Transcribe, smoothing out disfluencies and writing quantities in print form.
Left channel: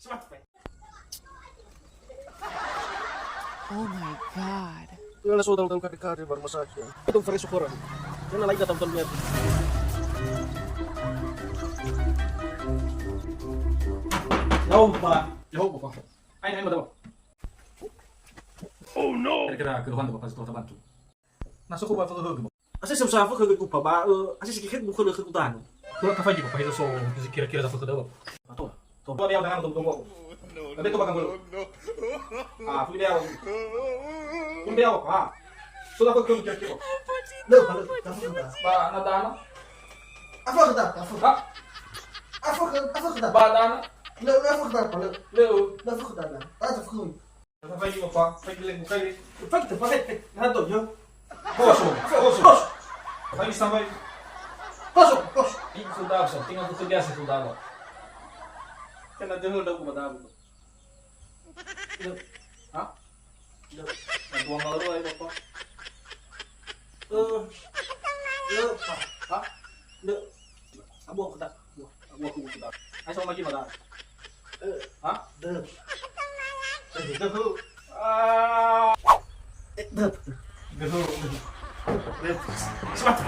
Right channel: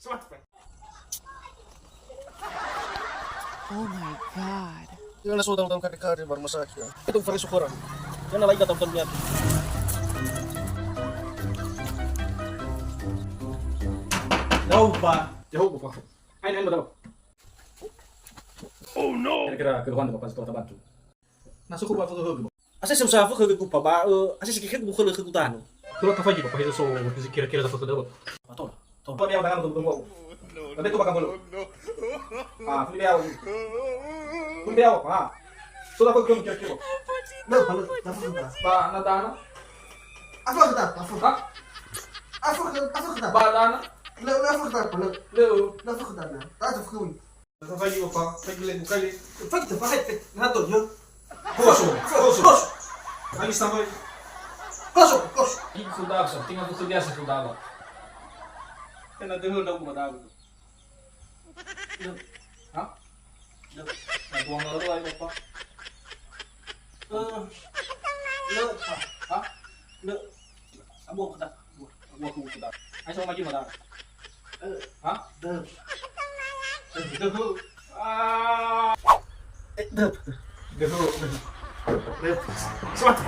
Oh my god. Yung nasudang daw kari-kari baru masakit. Itong fresh ukuran. Yan nalay ka tampal niya. Jauh pak, jauh pak. Ayo mo daw. Oh no. Kira-kira keluhan daw pas ito bantu. Nasuko ba ito hug? Asa siya usaha ko ko pa ba? Asa siya kikit bukan ko tano. Tulog ka faji pa pahizo so kira-kira dapat daw. Ato. To. Tuwa niya ganang tunggu. Nanti ko bakang gulo. Ah, pilihaw. Pilihaw pa. Sudah ko kung kira-kira. Ba nadano? Apa kita? Apa kita? Ba dana? La apa kita? Leo. La apa kita? Ata fukun. Nasa faji pa, faji len kay. Fakta pakai nato yo. Koso. Faji sampai. Kos. Ini sudah so, tinggal tu biasa sudah. Kena dengar daw madago. Ha? Nagbuwang na laro ay pa. Le pa. Ha? Le. Abo kita. Abo ko sudah. Ay so magi madago. Ha? De. Dehu. Ah. De. Dehu. Semat.